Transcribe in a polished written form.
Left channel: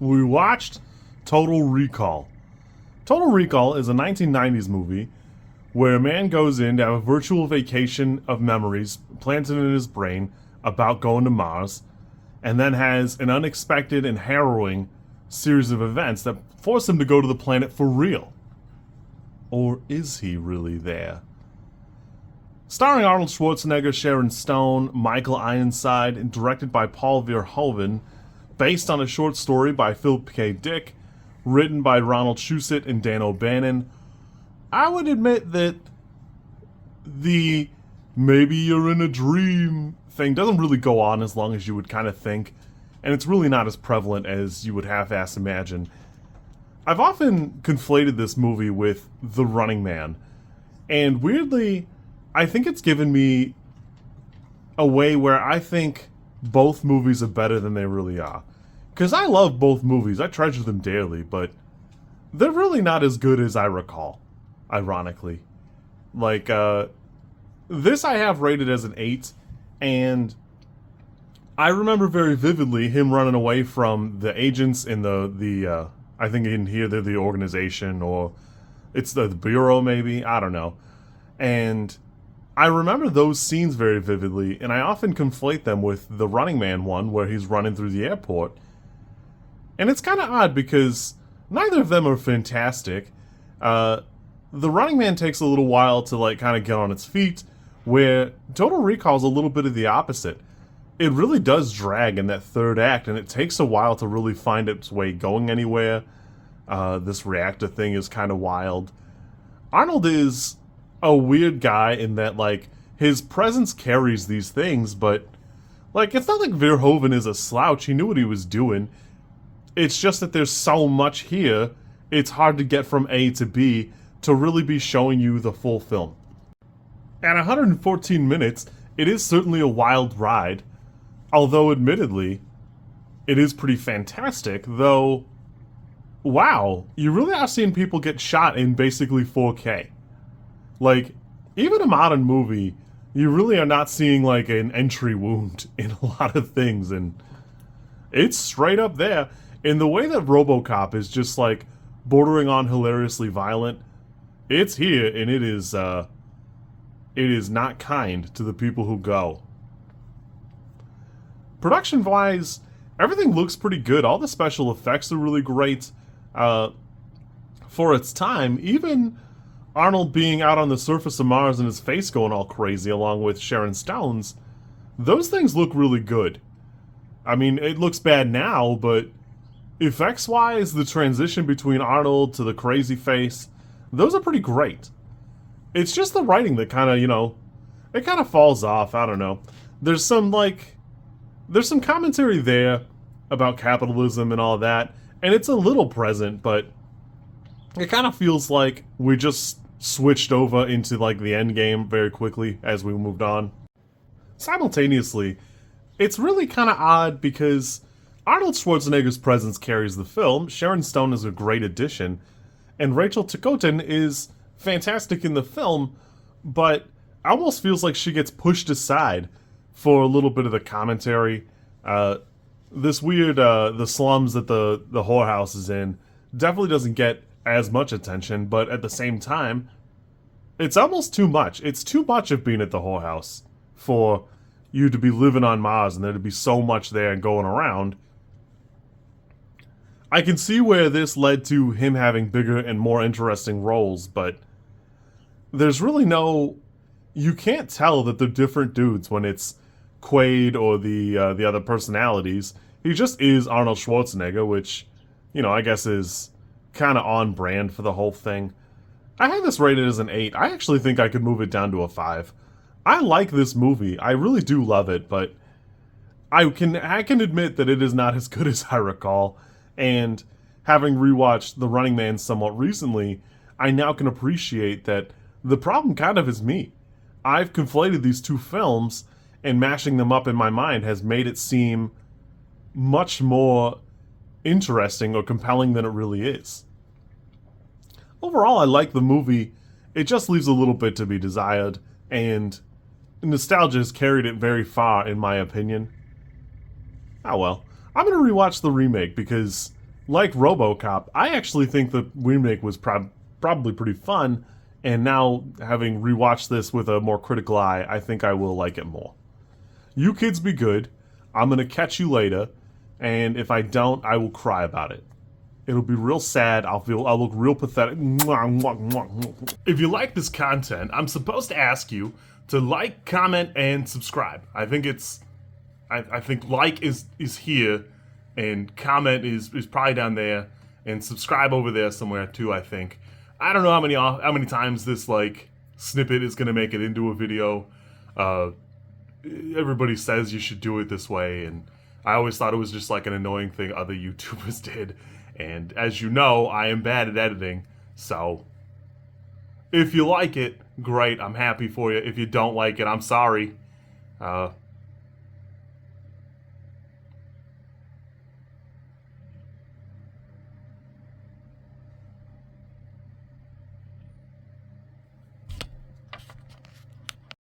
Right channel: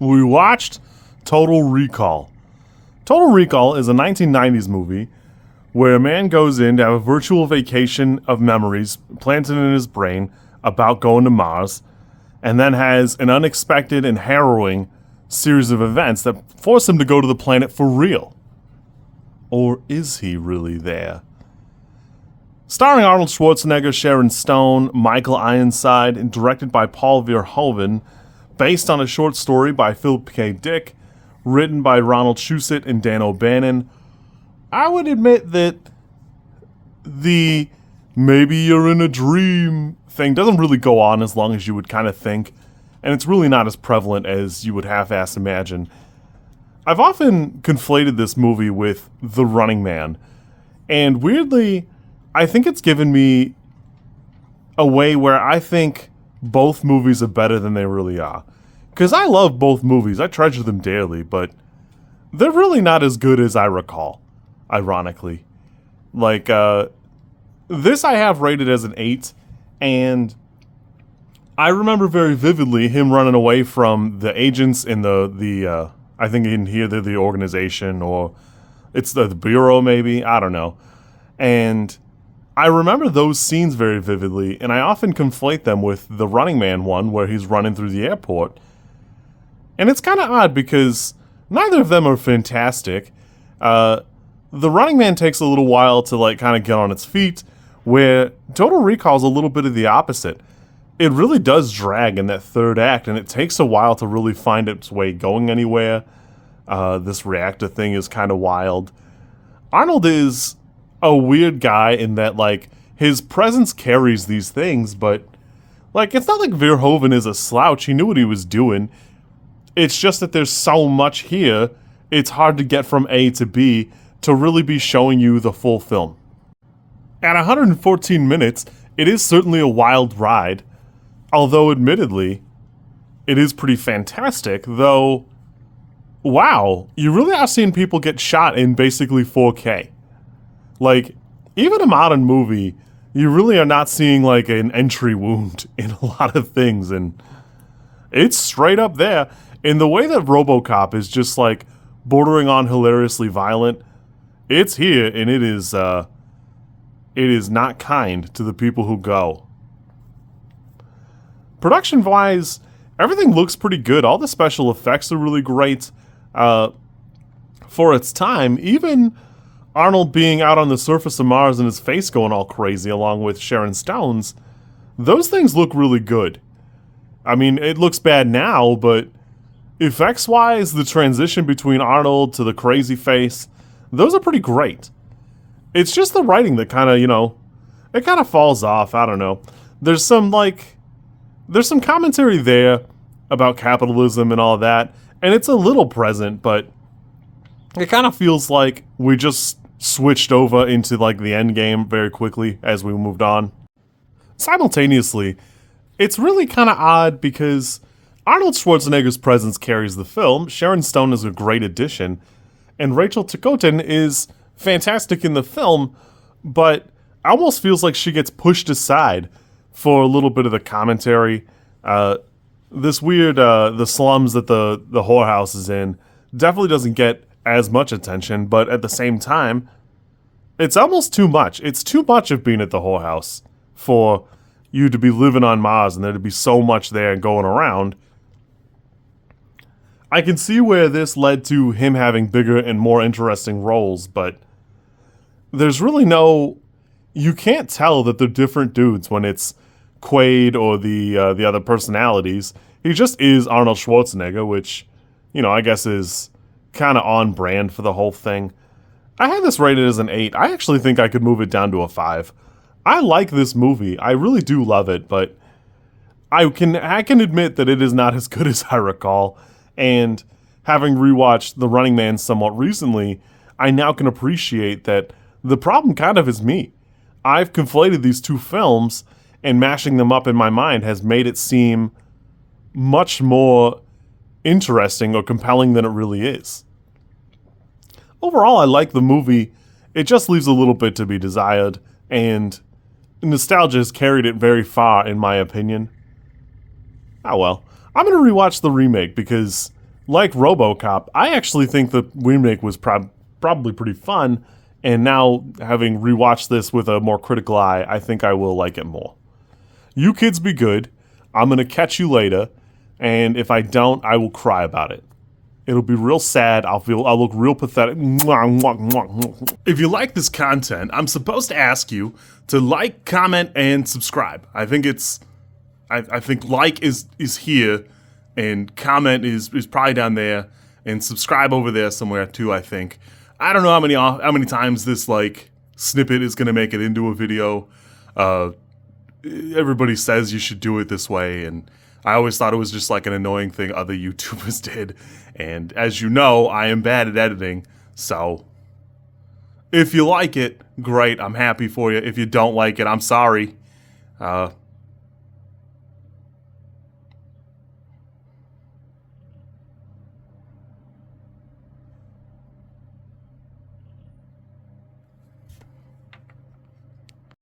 We watched Total Recall. Total Recall is a 1990s movie where a man goes in to have a virtual vacation of memories planted in his brain about going to Mars, and then has an unexpected and harrowing series of events that force him to go to the planet for real. Or is he really there? Starring Arnold Schwarzenegger, Sharon Stone, Michael Ironside, and directed by Paul Verhoeven, based on a short story by Philip K. Dick, written by Ronald Schwarzenegger and Dan O'Bannon. I would admit that the maybe you're in a dream thing doesn't really go on as long as you would kind of think, and it's really not as prevalent as you would half-ass imagine. I've often conflated this movie with The Running Man, and weirdly, I think it's given me a way where I think both movies are better than they really are. Because I love both movies, I treasure them dearly, but they're really not as good as I recall, ironically. Like, this I have rated as an 8, and I remember very vividly him running away from the agents in the I think in here they're the organization, or it's the bureau maybe, I don't know. And I remember those scenes very vividly, and I often conflate them with the Running Man one where he's running through the airport. And it's kind of odd because neither of them are fantastic. The Running Man takes a little while to like kind of get on its feet, where Total Recall is a little bit of the opposite. It really does drag in that third act, and it takes a while to really find its way going anywhere. This reactor thing is kind of wild. Arnold is a weird guy in that, like, his presence carries these things, but, like, it's not like Verhoeven is a slouch. He knew what he was doing. It's just that there's so much here, it's hard to get from A to B to really be showing you the full film. At 114 minutes, it is certainly a wild ride, although admittedly, it is pretty fantastic, though, wow, you really are seeing people get shot in basically 4K. Like, even a modern movie, you really are not seeing like an entry wound in a lot of things, and it's straight up there. In the way that RoboCop is just like bordering on hilariously violent, it's here, and it is not kind to the people who go. Production-wise, everything looks pretty good. All the special effects are really great. For its time, even Arnold being out on the surface of Mars and his face going all crazy along with Sharon Stone's, those things look really good. I mean, it looks bad now, but effects-wise, the transition between Arnold to the crazy face, those are pretty great. It's just the writing that kind of, it kind of falls off. I don't know. There's some commentary there about capitalism and all that, and it's a little present, but it kind of feels like we just switched over into like the end game very quickly as we moved on. Simultaneously, it's really kind of odd because Arnold Schwarzenegger's presence carries the film, Sharon Stone is a great addition, and Rachel Ticotin is fantastic in the film, but almost feels like she gets pushed aside for a little bit of the commentary. This weird, the slums that the whorehouse is in definitely doesn't get as much attention, but at the same time, it's almost too much. It's too much of being at the whorehouse for you to be living on Mars and there to be so much there going around. I can see where this led to him having bigger and more interesting roles, but there's really you can't tell that they're different dudes when it's Quaid or the other personalities. He just is Arnold Schwarzenegger, which, I guess is kind of on brand for the whole thing. I had this rated as an 8. I actually think I could move it down to a 5. I like this movie. I really do love it, but I can admit that it is not as good as I recall. And having rewatched The Running Man somewhat recently, I now can appreciate that the problem kind of is me. I've conflated these two films, and mashing them up in my mind has made it seem much more interesting or compelling than it really is. Overall, I like the movie. It just leaves a little bit to be desired, and nostalgia has carried it very far, in my opinion. Oh well. I'm going to rewatch the remake because like RoboCop, I actually think the remake was probably pretty fun. And now, having rewatched this with a more critical eye, I think I will like it more. You kids be good. I'm gonna catch you later, and if I don't, I will cry about it. It'll be real sad. I'll look real pathetic. If you like this content, I'm supposed to ask you to like, comment, and subscribe. I think like is here, and comment is probably down there, and subscribe over there somewhere too. I think. I don't know how many times this like snippet is gonna make it into a video. Everybody says you should do it this way, and I always thought it was just like an annoying thing other YouTubers did. And as you know, I am bad at editing, so if you like it, great, I'm happy for you. If you don't like it, I'm sorry.